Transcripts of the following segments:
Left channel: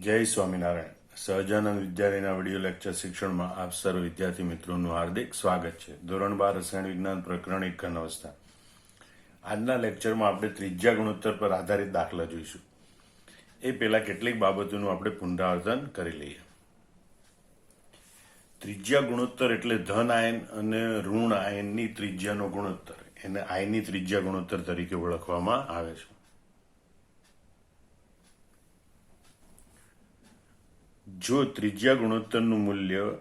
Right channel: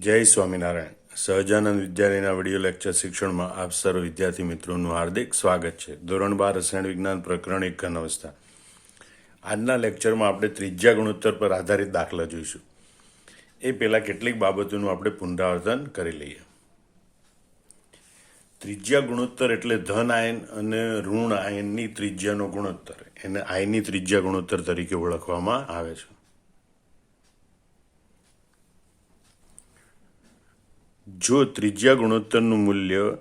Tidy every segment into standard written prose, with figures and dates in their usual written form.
જય સ્વામિનારાયણ. સહજાનંદ વિદ્યાલયના video lecture શિક્ષણમાં આપ સર્વ વિદ્યાર્થી મિત્રોનું હાર્દિક સ્વાગત છે. ધોરણ 12 રસાયણ વિજ્ઞાન પ્રકરણ 1 ઘન અવસ્થા. આજના લેક્ચરમાં આપણે ત્રિજ્યા ગુણોત્તર પર આધારિત દાખલા જોઈશું. એ પહેલા કેટલીક બાબતોનું આપણે પુનરાવર્તન કરી લઈએ. ત્રિજ્યા ગુણોત્તર એટલે ધન આયન અને ઋણ આયનની ત્રિજ્યાનો ગુણોત્તર. એને આયનની ત્રિજ્યા ગુણોત્તર તરીકે ઓળખવામાં આવે છે. જો ત્રિજ્યા ગુણોત્તરનું મૂલ્ય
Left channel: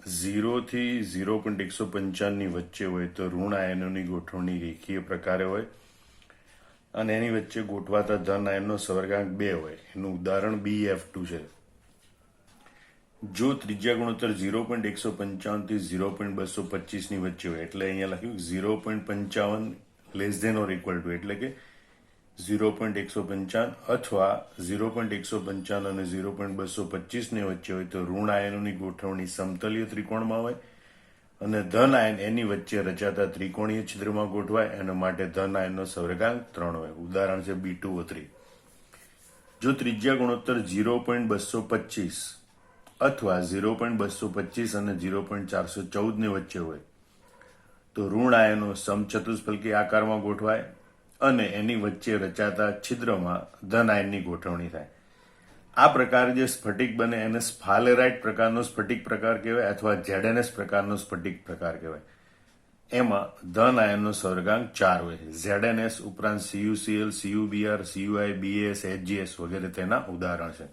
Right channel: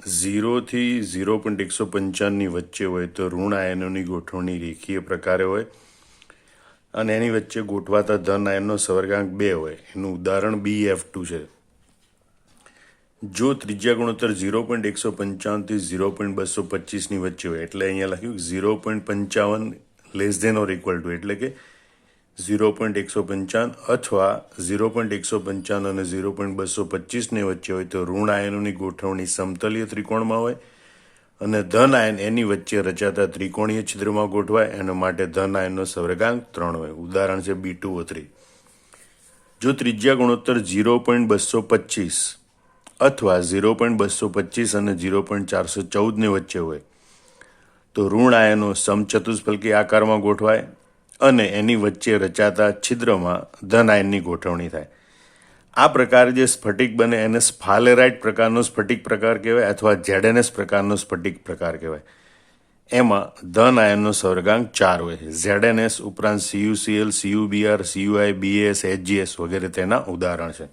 0 થી 0.155 ની વચ્ચે હોય તો ઋણ આયનોની ગોઠવણી રેખીય પ્રકારે હોય અને એની વચ્ચે ગોઠવાતા ધન આયનનો સવર્ગાંક 2 હોય. એનું ઉદાહરણ BF2 છે. જો ત્રિજ્યા ગુણોત્તર 0.155 થી 0.225 ની વચ્ચે હોય, એટલે અહીંયા લખ્યું 0.55 less than or equal to, એટલે કે 0.155 અથવા 0.155 અને 0.225 ની વચ્ચે હોય તો ઋણ આયનોની ગોઠવણી સમતલીય ત્રિકોણમાં હોય અને ધન આયન એની વચ્ચે રચાતા ત્રિકોણીય છિદ્રમાં ગોઠવાય. એના માટે ધન આયનનો સવર્ગાંક 3 હોય. ઉદાહરણ છે B2O3. જો ત્રિજ્યા ગુણોત્તર 0.225 અથવા 0.225 અને 0.414 ની વચ્ચે હોય તો ઋણ આયનો સમચતુષ્ફલકી આકારમાં ગોઠવાય અને એની વચ્ચે રચાતા છિદ્રમાં ધન આયનની ગોઠવણી થાય. આ પ્રકાર જે સ્ફટિક બને એને સ્ફાલેરાઇટ પ્રકારનો સ્ફટિક પ્રકાર કહેવાય અથવા ZNS પ્રકારનો સ્ફટિક પ્રકાર કહેવાય. એમાં ધન આયનનો સવર્ગાંક 4 હોય. ZNS ઉપરાંત CuCl, CuBr, CuI, BAS, HGS વગેરે તેના ઉદાહરણ છે.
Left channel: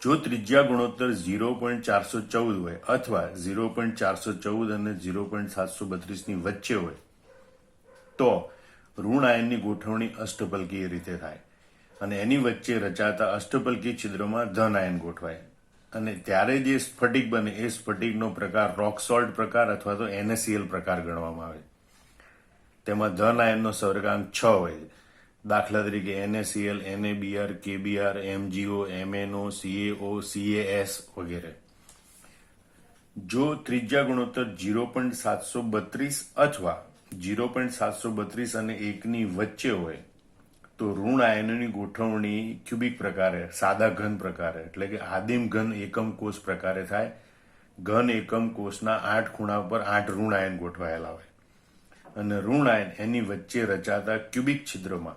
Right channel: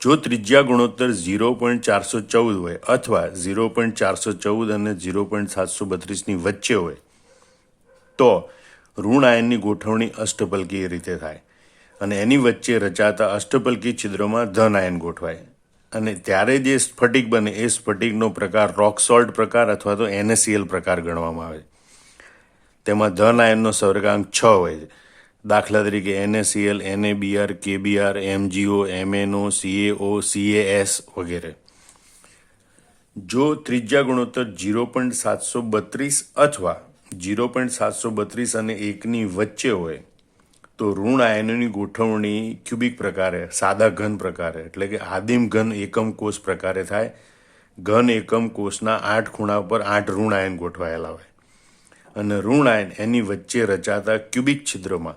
જો ત્રિજ્યા ગુણોત્તર 0.414 હોય અથવા 0.414 અને 0.732 ની વચ્ચે હોય તો ઋણ આયનની ગોઠવણી અષ્ટપલકીય રીતે થાય અને એની વચ્ચે રચાતા અષ્ટપલકી છિદ્રમાં ધન આયન ગોઠવાય. અને ત્યારે જે સ્ફટિક બને એ સ્ફટિકનો પ્રકાર રોક સોલ્ટ પ્રકાર અથવા તો NaCl પ્રકાર ગણવામાં આવે. તેમાં ધન આયનનો સવર્ગાંક 6 હોય. દાખલા તરીકે NaCl, NaBr, KBr, MgO, MnO, CaO, CaS વગેરે. જો ત્રિજ્યા ગુણોત્તર 0.732 અથવા 0.732 અને 1 ની વચ્ચે હોય તો ઋણ આયનોની ગોઠવણી ક્યુબિક પ્રકારે, સાદા ઘન પ્રકારે, એટલે કે આદિમ ઘન એકમ કોષ પ્રકારે થાય. ઘન એકમ કોષના 8 ખૂણા પર 8 ઋણ આયન ગોઠવાયેલા હોય અને ઋણ આયન એની વચ્ચે રચાતા ક્યુબિક છિદ્રમાં,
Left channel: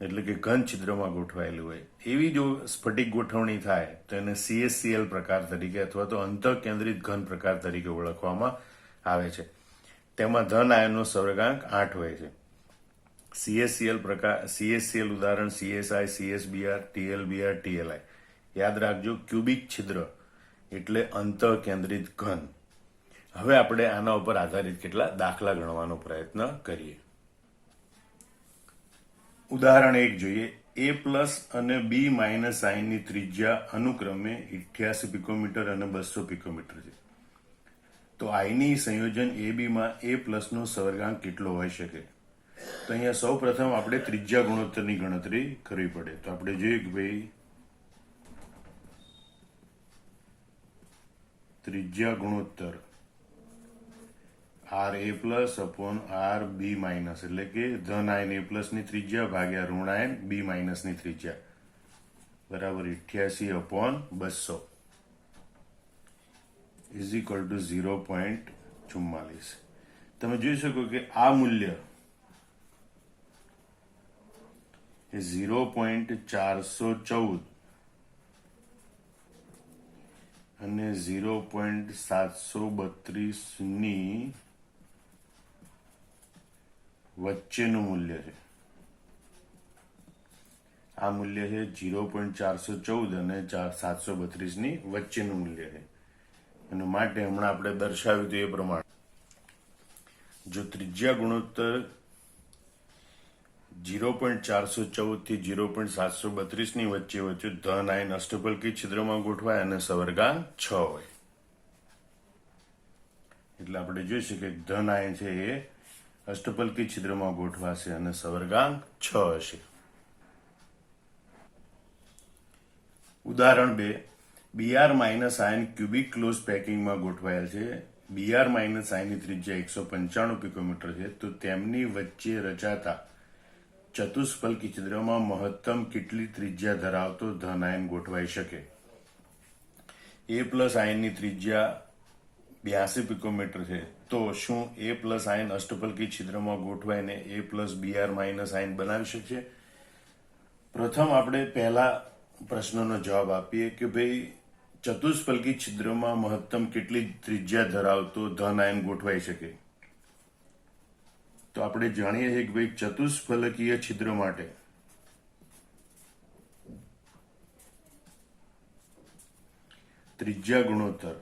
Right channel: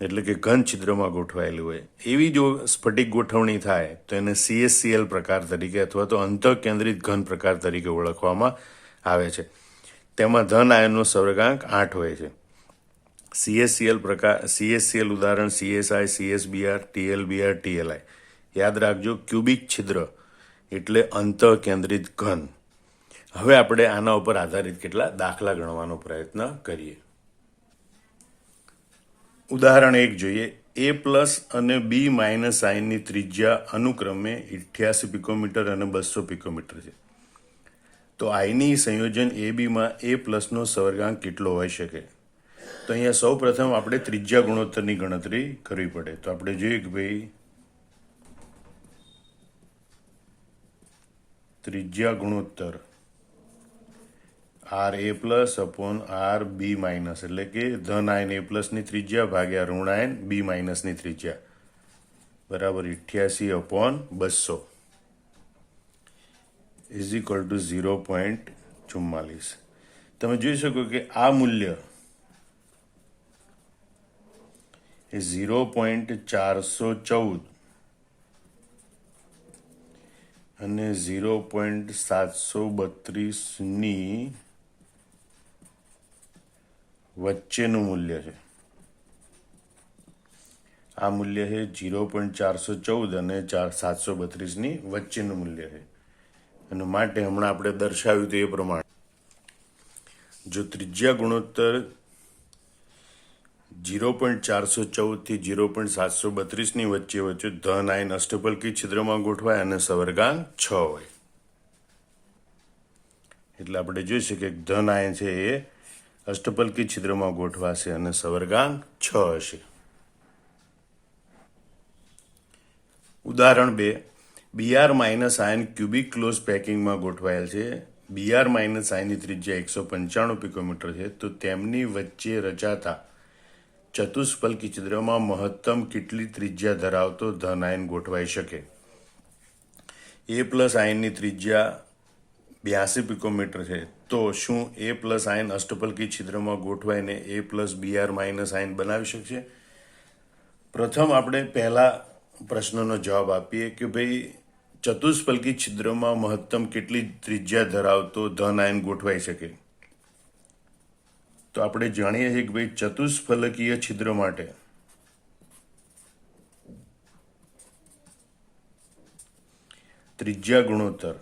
એટલે કે ઘન છિદ્રમાં ગોઠવાયેલી હોય. એવી જો સ્ફટિક ગોઠવણી થાય તો એને CSCl પ્રકાર તરીકે અથવા તો અંતઃકેન્દ્રિત ઘન પ્રકાર તરીકે ઓળખવામાં આવે છે. તેમાં ધન આયનનો સવર્ગાંક 8 હોય છે. CSCl ઉદાહરણ CSI, CSBr, TLBr, TLI. યાદ રાખજો, ક્યુબિક છિદ્ર એટલે અંતઃકેન્દ્રિત ઘન. હવે આપણે આના ઉપર આધારિત કેટલા દાખલા ગણવાનો પ્રયત્ન કરીએ. ઉદાહરણ 1 જોઈએ. A+ અને B- આયનની ત્રિજ્યા અનુક્રમે 88 પિકોમીટર અને 200 પિકોમીટર છે. તો આયની સંયોજન AB માં A+ નો સવર્ગાંક કેટલો હોઈ શકે? તો અહીંયા સૌ પ્રથમ આપણે ત્રિજ્યા ગુણોત્તરની ગણતરી કરવી પડે. તો આપણે જોઈએ કે ભાઈ ત્રિજ્યા ગુણોત્તર RA+ અપોન RB-, એટલે કે ધન આયન A+ ની ત્રિજ્યા ભાગ્યા ઋણ આયન B- ની ત્રિજ્યા બરાબર 88/200 ઇઝ ઇક્વલ ટુ 0.44. તમે જોઈ શકો કે આ મૂલ્ય એ 0.414 અને 0.732 ની વચ્ચેનું મૂલ્ય છે. આ મૂલ્ય છે 0.414 અને 732 ની વચ્ચેનું મૂલ્ય છે. અને માટે હમણાં આપણે દર્શાવ્યું તે પ્રમાણે જો ત્રિજ્યા ગુણોત્તર 0.414 થી 0.732 ની વચ્ચે ધન આયન અષ્ટપલકી છિદ્રમાં ગોઠવાય અને સવર્ગાંક 6 હોય. એટલે આપણે જોઈ શકીએ કે ધન આયન છે એ અષ્ટપલકી છિદ્રમાં ગોઠવાશે અને સવર્ગાંક 6 હશે. ઉદાહરણ 2. Br- આયન ક્યુબિક ક્લોઝ પેકિંગમાં ગોઠવાયેલ છે. Br- આયનની ત્રિજ્યા 195 પિકોમીટર છે. તો તેમની વચ્ચે રચાતા ચતુષ્ફલકી છિદ્રમાં મહત્તમ કેટલી ત્રિજ્યા ધરાવતો ધન આયન ગોઠવાઈ શકે? એ પ્લસ આયનની ત્રિજ્યા 82 પિકોમીટર છે, તો શું એ પ્લસ આયન અષ્ટફલકી છિદ્રમાં ગોઠવાઈને a plus BR minus ion બનાવી શકશે? પ્રથમ આપણે પહેલા પ્રશ્નનો જવાબ આપીએ કે ભાઈ ચતુષ્ફલકી છિદ્રમાં મહત્તમ કેટલી ત્રિજ્યા ધરાવતો ધન આયન ગોઠવાઈ શકે? તો આપણે જાણીએ છીએ કે ભાઈ ચતુષ્ફલકીય છિદ્ર માટે ત્રિજ્યા ગુણોત્તર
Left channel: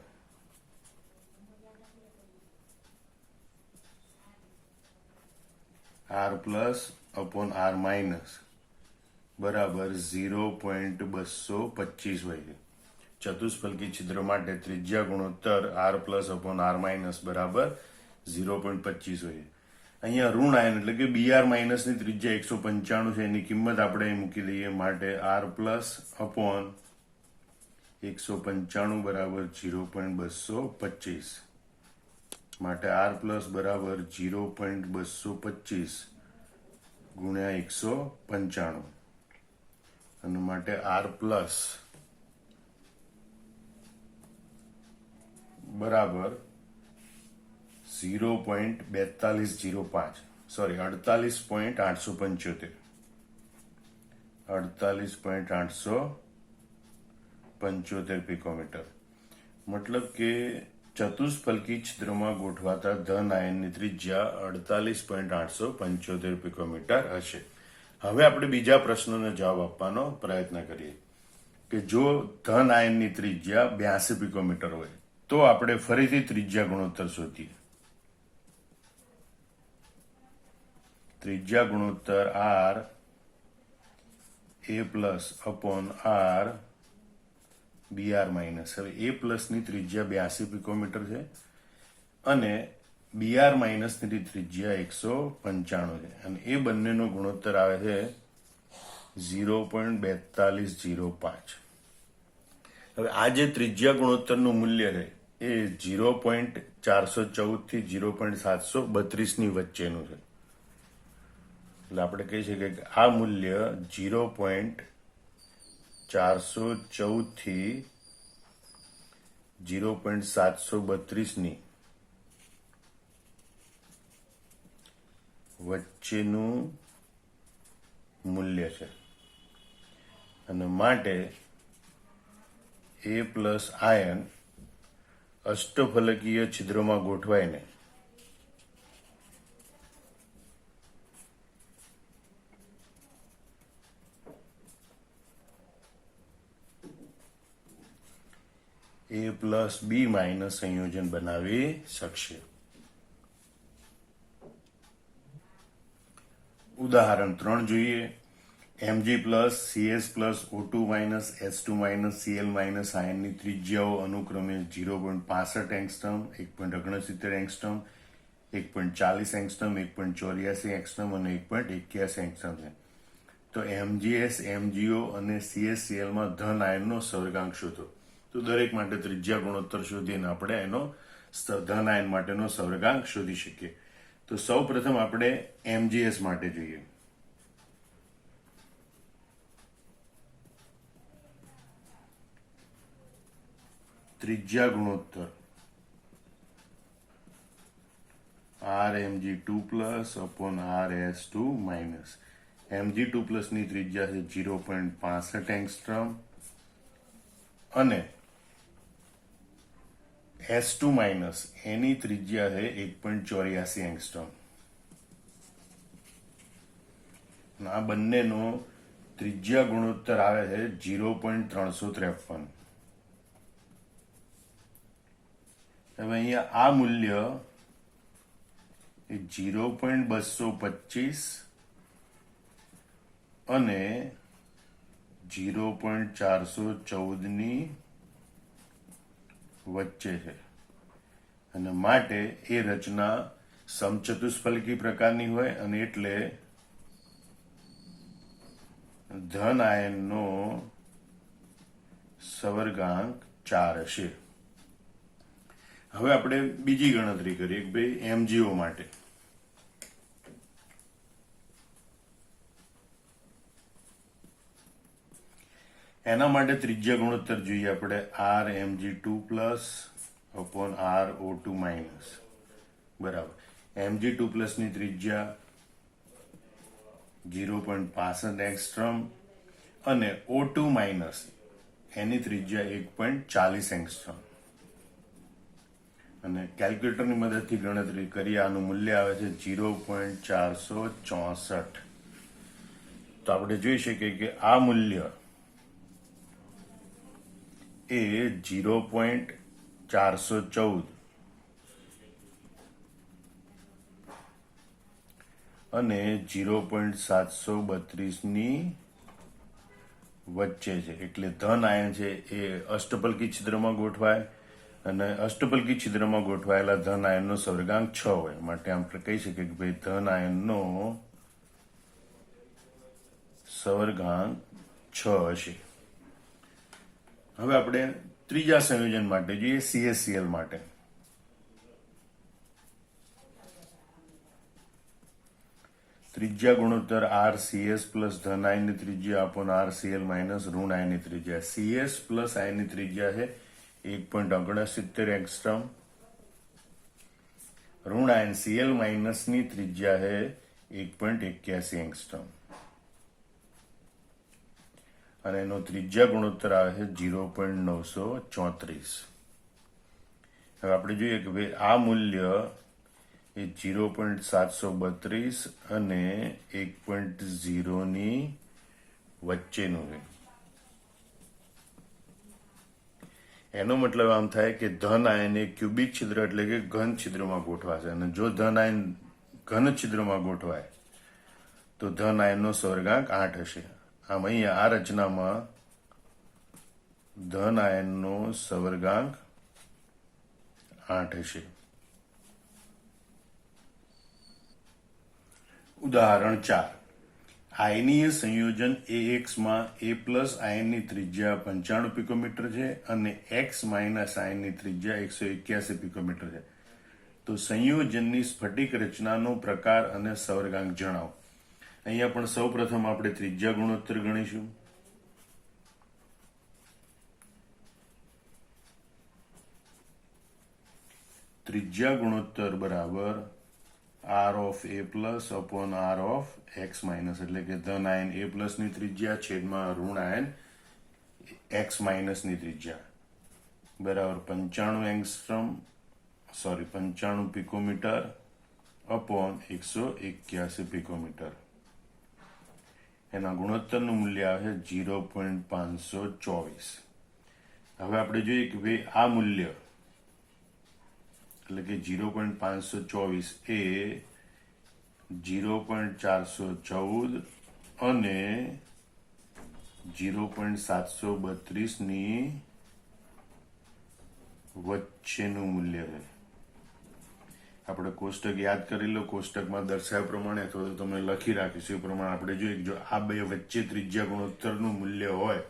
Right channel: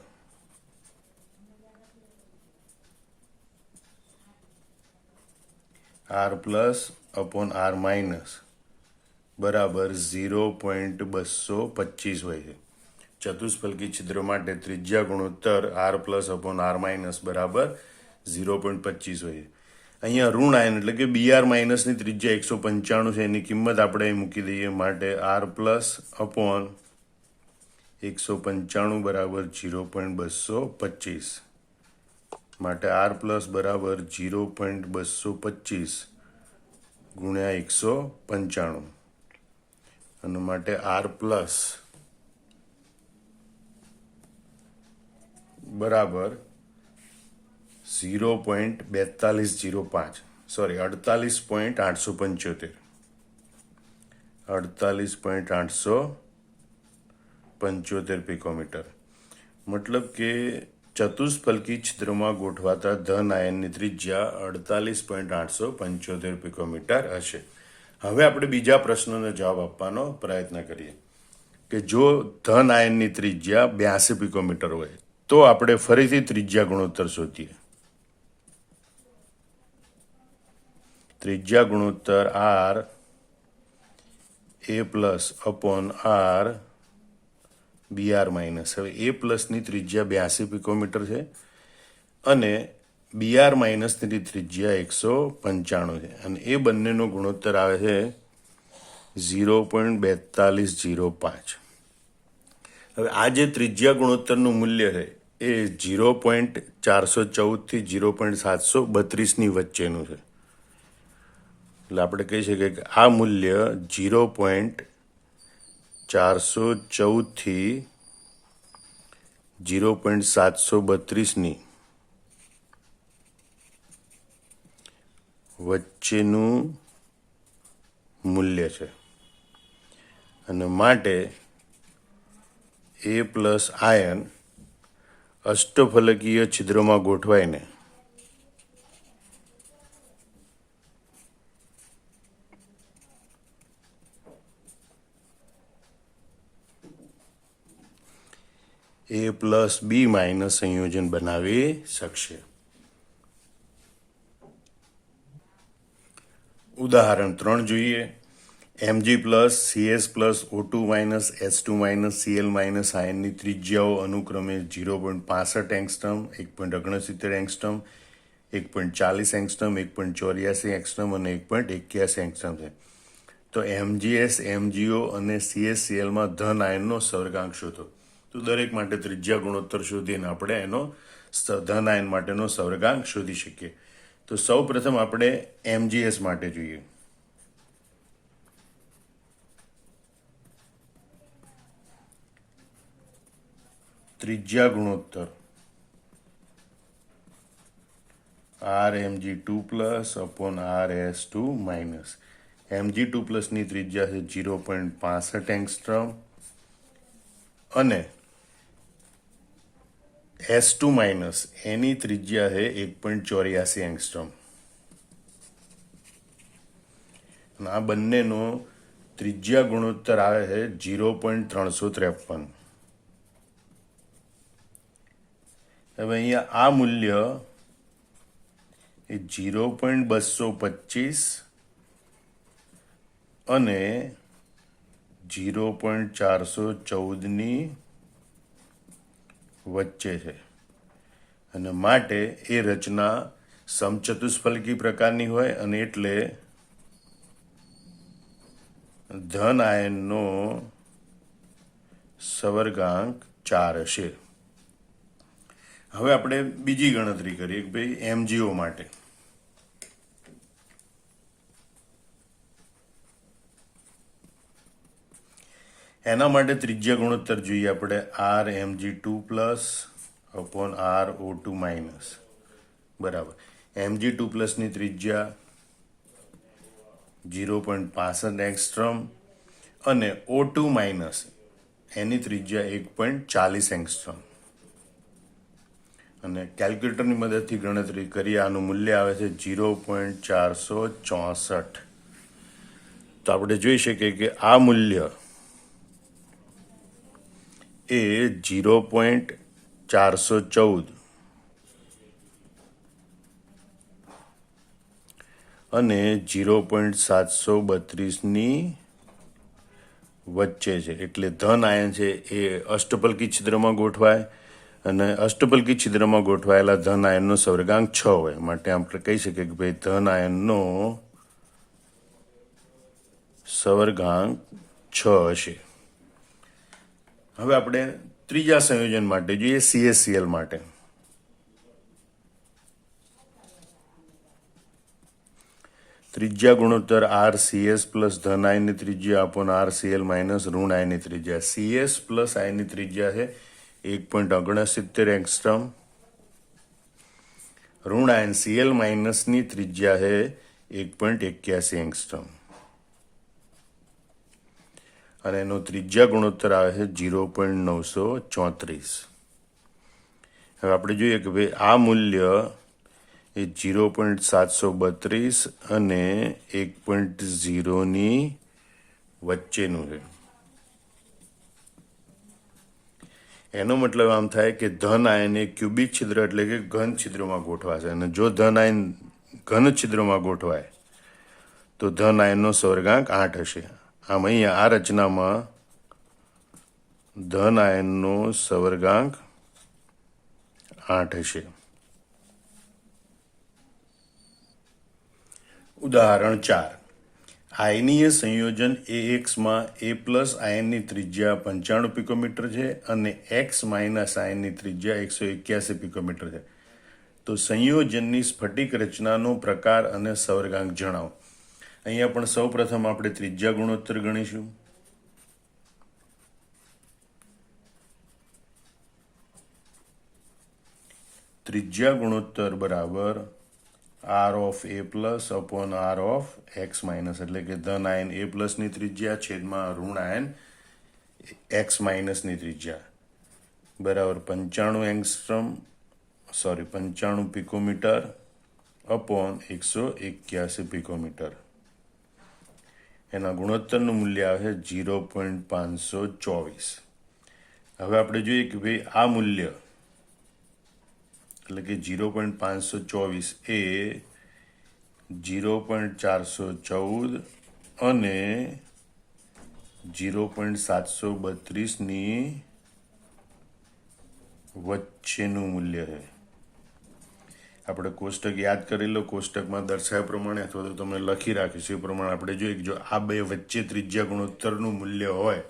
r plus upon r minus બરાબર 0.225 હોય છે. ચતુષ્ફલકી છિદ્ર માટે ત્રિજ્યા ગુણોત્તર r plus upon r minus બરાબર 0.25 હોય છે. અહીંયા ઋણ આયન એટલે કે બીઆર માઇનસની ત્રિજ્યા 195 છે, એની કિંમત આપણે મૂકી દઈએ, માટે આર પ્લસ અપોન 195 બરાબર 0.225, માટે આર પ્લસ બરાબર 0.225 ગુણ્યા 195, અને માટે આર પ્લસ બરાબર 0.4205 સોરી 48.875 48.875 પિકોમીટર. મતલબ કે ચતુષ્ફલકી છિદ્રમાં ગોઠવાતા ધન આયનની ત્રિજ્યા 48.875 પિકોમીટર હશે. હવે આપણે બીજા પ્રશ્નનો જવાબ આપવાનો પ્રયત્ન કરીએ કે જો ધન આયનની ત્રિજ્યા 82 પિકોમીટર હોય તો આપણે ફરીથી ત્રિજ્યા ગુણોત્તર શોધીએ. ત્રિજ્યા ગુણોત્તર r a plus upon r b r minus. હવે એ પ્લસની ત્રિજ્યા 82 પિકોમીટર છે અને બીઆર માઇનસની ત્રિજ્યા 195 છે, અને એ બંનેનો ગુણોત્તર આવે છે 0.4205. હવે આ જે ત્રિજ્યા ગુણોત્તરનું મૂલ્ય છે એ 0.414 થી 0.732ની વચ્ચેનું છે. એટલે આપણે કહી શકીએ કે આ મૂલ્ય 0.414 થી 0.732ની વચ્ચેનું મૂલ્ય છે, અને માટે એ પ્લસ આયન અષ્ટફલકીય છિદ્રમાં ગોઠવાઈને એ પ્લસ બી માઇનસ સંયોજન બનાવી શકશે. ઉદાહરણ 3 જોઈએ. Mg plus CS plus O2 minus S2 minus Cl minus આયનની ત્રિજ્યાઓ અનુક્રમે 0.65 એંગસ્ટ્રોમ, 1.69 એંગસ્ટ્રોમ, 1.40 એંગસ્ટ્રોમ, 1.84 એંગસ્ટ્રોમ અને 1.81 એંગસ્ટ્રોમ છે. તો MgS, MgO અને CSClમાં ધન આયનનો સવર્ગાંક શોધો. તો દરેક માટે ત્રિજ્યા ગુણોત્તર શોધીને આપણે એનો ધન આયન માટેનો સવર્ગાંક શોધી શકીએ. તો સૌ પ્રથમ આપણે MgS માટે જોઈએ. ત્રિજ્યા ગુણોત્તર RMg2 plus upon RS2 minus. Mg2 પ્લસની ત્રિજ્યા છે 0.65 એંગસ્ટ્રોમ અને S2 માઇનસ એની ત્રિજ્યા છે 1.84 એંગસ્ટ્રોમ. આ બંનેનો ત્રિજ્યા ગુણોત્તર આવે છે 0.353. હવે અહીંયા આ મૂલ્ય એ 0.225 અને 0.414ની વચ્ચે છે, અને માટે એ રચના સમચતુષ્ફલકી પ્રકારની હોય, અને એટલે ધન આયનનો સવર્ગાંક 4 હશે. હવે આપણે બીજી ગણતરી કરીએ કે ભાઈ MgO માટે. એના માટે ત્રિજ્યા ગુણોત્તર જોઈએ આપણે Rmg2+/R O2- બરાબર. Mg2+ ની ત્રિજ્યા 0.65 એંગસ્ટ્રોમ અને O2- એની ત્રિજ્યા 1.40 એંગસ્ટ્રોમ. અને કેલ્ક્યુલેટરની મદદથી ગણતરી કરીએ, આનું મૂલ્ય આવે છે 0.464. તો આપણે જોઈ શકીએ કે આ મૂલ્ય એ 0.414 અને 0.732ની વચ્ચે છે. એટલે ધન આયન છે એ અષ્ટપલ્કી છિદ્રમાં ગોઠવાય, અને અષ્ટપલ્કી છિદ્રમાં ગોઠવાયેલા ધન આયનનો સવર્ગાંક 6 હોય. માટે આપણે કહી શકીએ કે ભાઈ ધન આયનનો સવર્ગાંક 6 હશે. હવે આપણે ત્રીજા સંયોજન માટે જોઈએ, CaCl માટે. ત્રિજ્યા ગુણોત્તર RCS પ્લસ ધન આયનની ત્રિજ્યા અપોન RCl માઇનસ ઋણ આયનની ત્રિજ્યા. CS પ્લસ આયનની ત્રિજ્યા છે 1.69 એંગસ્ટ્રોમ. ઋણ આયન Cl માઇનસની ત્રિજ્યા છે 1.81 એંગસ્ટ્રોમ. અને એનો ત્રિજ્યા ગુણોત્તર આવે છે 0.934. હવે આપણે જોઈએ કે ભાઈ આ મૂલ્ય એ 0.732 અને 1.0ની વચ્ચેનું છે. એનો મતલબ આમ થાય કે ધન આયન એ ક્યુબિક છિદ્ર એટલે કે ઘન છિદ્રમાં ગોઠવાશે, અને જો ધન આયન ઘન છિદ્રમાં ગોઠવાય તો ધન આયનનો સવર્ગાંક 8 હશે. આમ અહીંયા આ રચનામાં ધન આયનનો સવર્ગાંક 8 હશે. ઉદાહરણ 4. આયનીય સંયોજન AX-માં A પ્લસ આયનની ત્રિજ્યા 95 પિકોમીટર છે અને X માઇનસ આયનની ત્રિજ્યા 181 પિકોમીટર છે. તો સંયોજનની સ્ફટિક રચનાનો પ્રકાર અને સવર્ગાંક જણાવો. અહીંયા પણ સૌ પ્રથમ આપણે ત્રિજ્યા ગુણોત્તર ગણીશું. ત્રિજ્યા ગુણોત્તર બરાબર R of A plus upon R of X minus, એટલે કે ધન આયન A પ્લસની ત્રિજ્યા છેદમાં ઋણ આયન X માઇનસની ત્રિજ્યા બરાબર 95 પિકોમીટર અપોન 181 પિકોમીટર. એના ગુણોત્તરનું મૂલ્ય આવે છે 0.524. હવે આપણે જોઈએ કે ભાઈ આ મૂલ્ય એટલે કે 0.524 એ 0.414 અને 0.732ની વચ્ચેનું મૂલ્ય છે. આપણે કોષ્ટક યાદ કરી લો. કોષ્ટકમાં દર્શાવ્યા પ્રમાણે અથવા તો તમે લખી રાખીશું એ પ્રમાણે આપણે જોઈએ કે જો આ બે વચ્ચે ત્રિજ્યા ગુણોત્તરનું મૂલ્ય હોય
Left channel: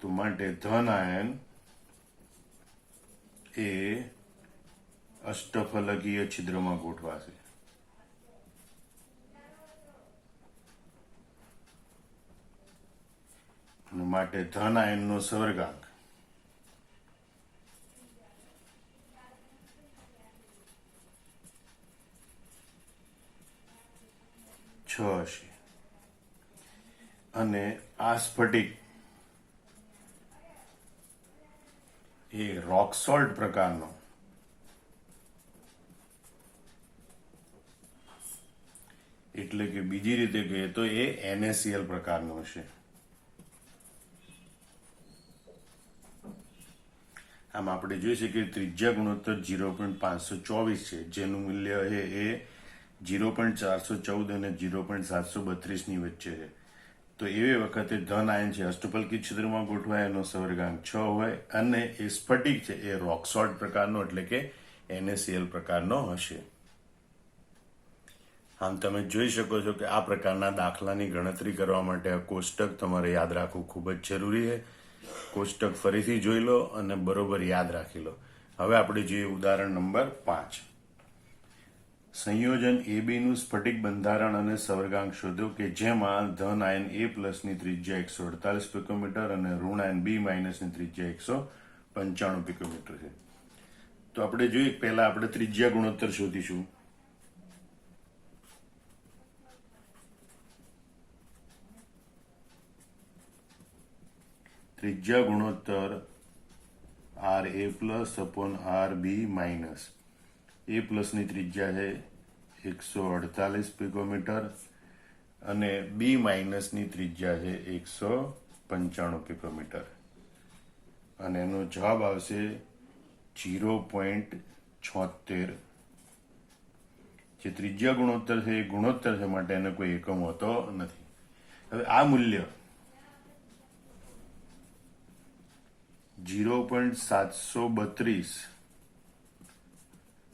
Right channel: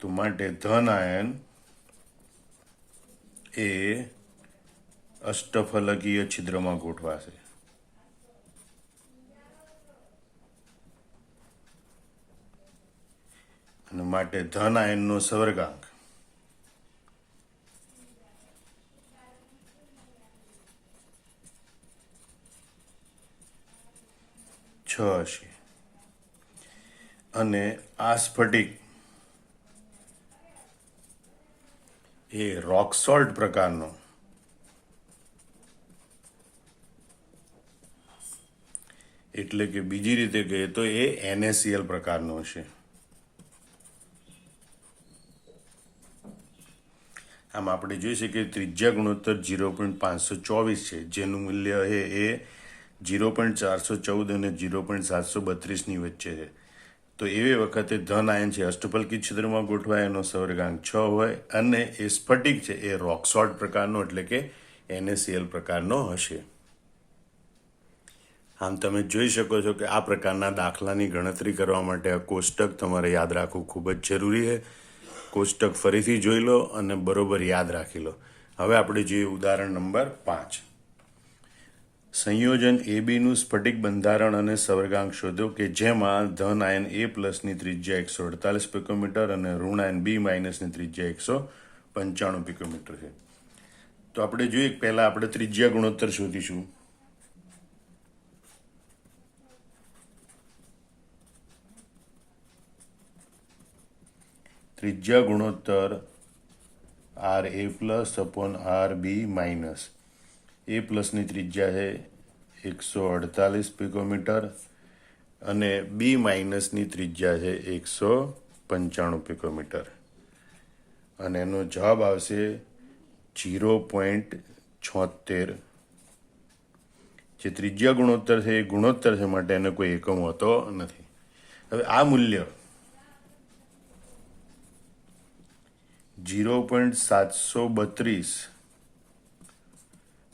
તો માટે ધન આયન એ અષ્ટફલકીય છિદ્રમાં ગોઠવાશે. અને માટે ધન આયનનો સવર્ગાંક 6 હશે. અને આ સ્ફટિક એ રોક સોલ્ટ પ્રકારનો એટલે કે બીજી રીતે કહીએ તો એ NaCl પ્રકારનો હશે. આમ આપણે જોઈ શકીએ કે ત્રિજ્યા ગુણોત્તર 0.524 છે, જેનું મૂલ્ય છે એ 0.414 અને 0.732ની વચ્ચે છે. તો એવી વખતે ધન આયન છે અષ્ટફલકી છિદ્રમાં ગોઠવાય, એનો સવર્ગાંક 6 હોય અને એ સ્ફટિક છે એ રોક સોલ્ટ પ્રકારનો એટલે કે NaCl પ્રકારનો હશે. આમ તમે જોઈ શકો છો કે આ પ્રકારના દાખલાની ગણતરી કરવા માટે આ કોષ્ટક તમારે યાદ રાખવું ખૂબ જ જરૂરી છે. કોષ્ટક ફરીથી જોઈ લો અને બરોબર યાદ રાખી લો. હવે આપણે જોઈએ ઉદાહરણ નંબર 5. સંયોજન AB નું સ્ફટિક બંધારણ અને સવર્ગાંક શોધો કે જેમાં ધન આયન A+ની ત્રિજ્યા 148 પિકોમીટર અને ઋણ આયન B- ત્રિજ્યા 195 પિકોમીટર છે. તો આપણે જોઈએ પહેલા આપણે ત્રિજ્યા ગુણોત્તર શોધીશું. ત્રિજ્યા ગુણોત્તર RA+/RB-. A+ની ત્રિજ્યા છે 148 પિકોમીટર અને B-ની ત્રિજ્યા છે 195 પિકોમીટર અને એનો જવાબ આવશે 0.76. જે ત્રિજ્યા ગુણોત્તર છે એ ગુણોત્તર છે માટે એને કોઈ એકમ હોતો નથી. હવે આ મૂલ્ય 0.732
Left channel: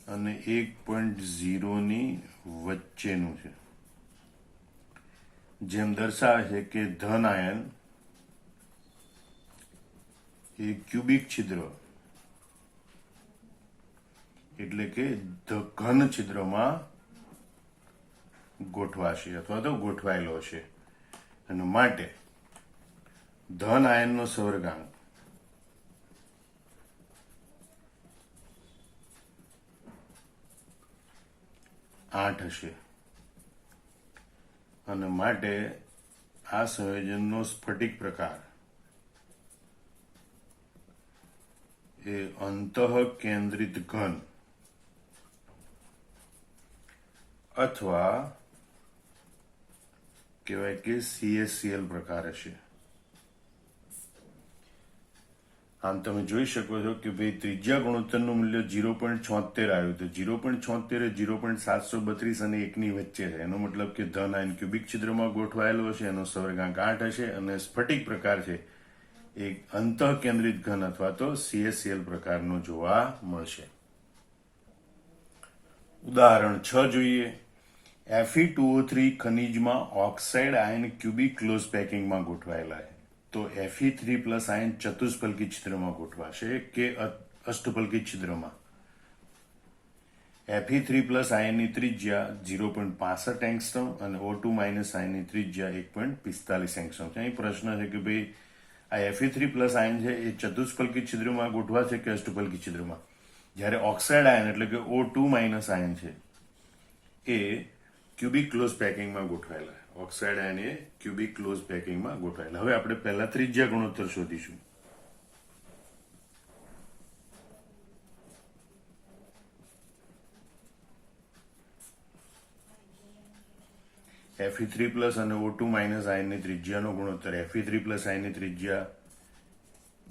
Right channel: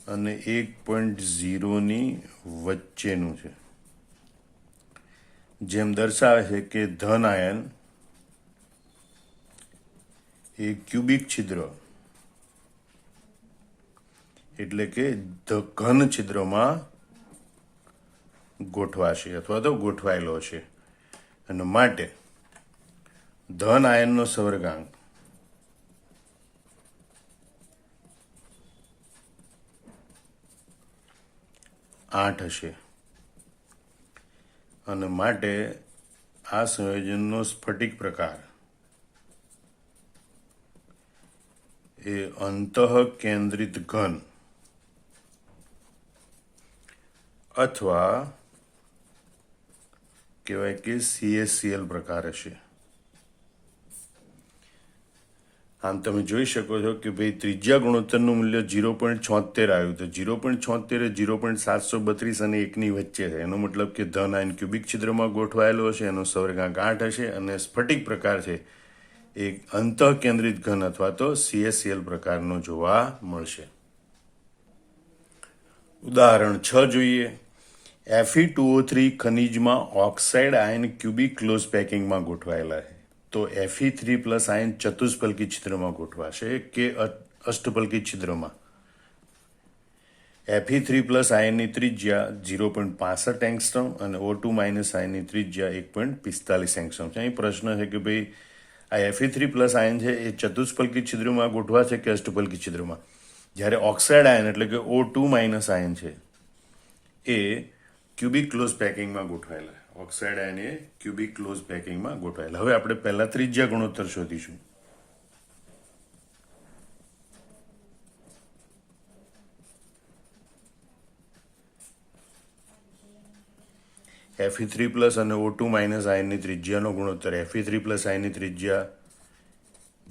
અને 1.0ની વચ્ચેનું છે, જેમ દર્શાવે છે કે ધન આયન એ ક્યુબિક છિદ્ર એટલે કે ઘન છિદ્રમાં ગોઠવાશે અથવા તો ગોઠવાયેલો છે અને માટે ધન આયનનો સવર્ગાંક 8 હશે અને માટે આ સંયોજનનો સ્ફટિક પ્રકાર એ અંતઃકેન્દ્રિત ઘન અથવા કહેવાય કે CaCl પ્રકાર હશે. આમ તમે જોઈ શકો છો કે ભાઈ ત્રિજ્યા ગુણોત્તરનું મૂલ્ય 0.76 આવ્યું. તો 0.76 એ 0.732 અને 1ની વચ્ચે છે. એનો મતલબ કે ધન આયન ક્યુબિક છિદ્રમાં ગોઠવાયેલો હશે, એનો સવર્ગાંક 8 હશે અને સ્ફટિક પ્રકાર છે એ અંતઃકેન્દ્રિત ઘન અથવા તો CaCl પ્રકારનો જોવા મળશે. ઉદાહરણ 6 જોઈએ. Fe2O3 ખનિજમાં ઓક્સાઇડ આયન ક્યુબિક ક્લોઝ પેકિંગમાં ગોઠવાયેલા છે. તો Fe3+ આયન ચતુષ્ફલકી છિદ્રમાં ગોઠવાશે કે અષ્ટફલકી છિદ્રમાં. Fe3+ આયનની ત્રિજ્યા 0.65 એંગસ્ટ્રોમ અને O2- આયનની ત્રિજ્યા 1.45 એંગસ્ટ્રોમ છે. અહીં પ્રશ્ન છે કે ભાઈ આ Fe3+ આયન છે એ ચતુષ્ફલકી છિદ્રમાં ગોઠવાશે કે અષ્ટફલકી છિદ્રમાં. જ્યારે ઓક્સાઇડ આયન એટલે કે O2- આયન છે એ ક્યુબિક ક્લોઝ પેકિંગમાં ગોઠવાયેલા. ઓક્સાઇડ આયન એ ક્યુબિક ક્લોઝ પેકિંગમાં ગોઠવાયેલા. હવે આપણે પહેલા ત્રિજ્યા ગુણોત્તર શોધીશું. Fe3+ અને O2- આયનની ત્રિજ્યાનો ગુણોત્તર. Fe3+ આયનની ત્રિજ્યા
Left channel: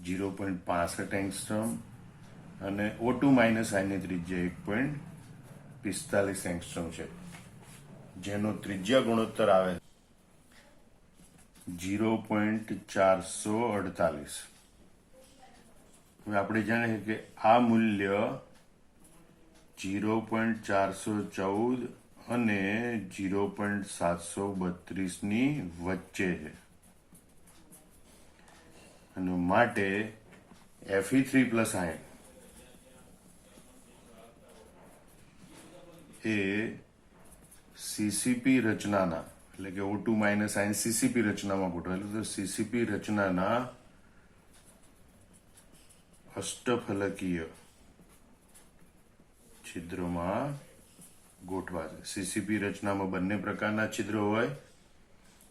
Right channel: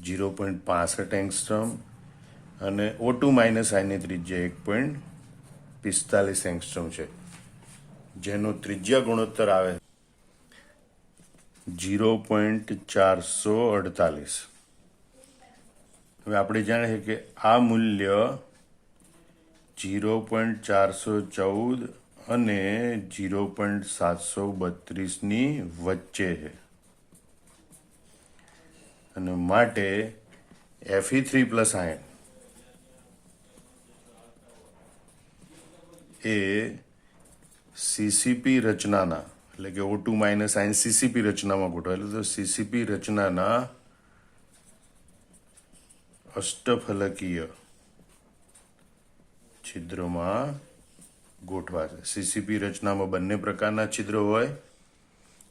0.65 એંગસ્ટ્રોમ અને O2- આયનની ત્રિજ્યા 1.45 એંગસ્ટ્રોમ છે, જેનો ત્રિજ્યા ગુણોત્તર આવે 0.448. હવે આપણે જાણીએ કે આ મૂલ્ય 0.414 અને 0.732ની વચ્ચે છે અને માટે Fe3+ આયન એ CCP રચનાના એટલે કે O2- આયન CCP રચનામાં ગોઠવાયેલું. તો CCP રચનાના અષ્ટફલકીય છિદ્રમાં ગોઠવાશે. CCP રચનામાં બંને પ્રકારના છિદ્રો હોય,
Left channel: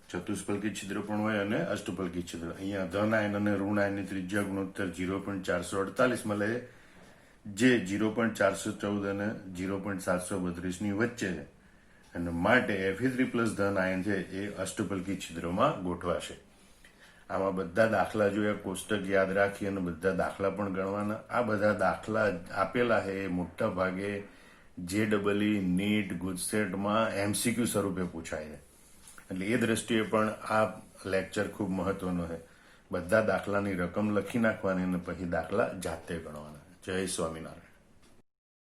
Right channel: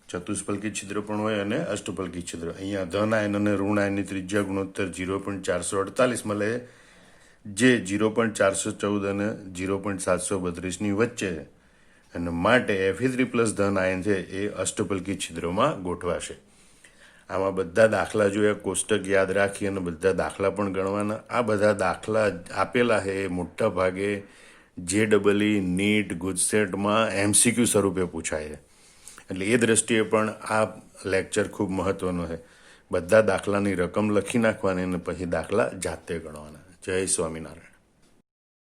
ચતુષ્ફલકી છિદ્ર પણ હોય અને અષ્ટફલકી છિદ્ર. અહીંયા ધન આયન અને ઋણ આયનની ત્રિજ્યા ગુણોત્તર 0.448 મળે, જે 0.414 અને 0.732ની વચ્ચે છે અને માટે Fe3+ ધન આયન છે એ અષ્ટફલકી છિદ્રોમાં ગોઠવાશે. આમાં બધા દાખલા જોયા, કોષ્ટક યાદ રાખી અને બધા દાખલા પણ ગણવાના. આ બધા દાખલા આપેલા છે એ મોટા ભાગે JEE, NEET, ગુજસેટમાં MCQ સ્વરૂપે પૂછાય છે. એટલે એ દ્રષ્ટિએ પણ આ લેક્ચર ખૂબ મહત્વનો છે. બધા દાખલાની રકમ લખી નાખવાની અને પછી દાખલા જાતે ગણવાના. જય સ્વામિનારાયણ.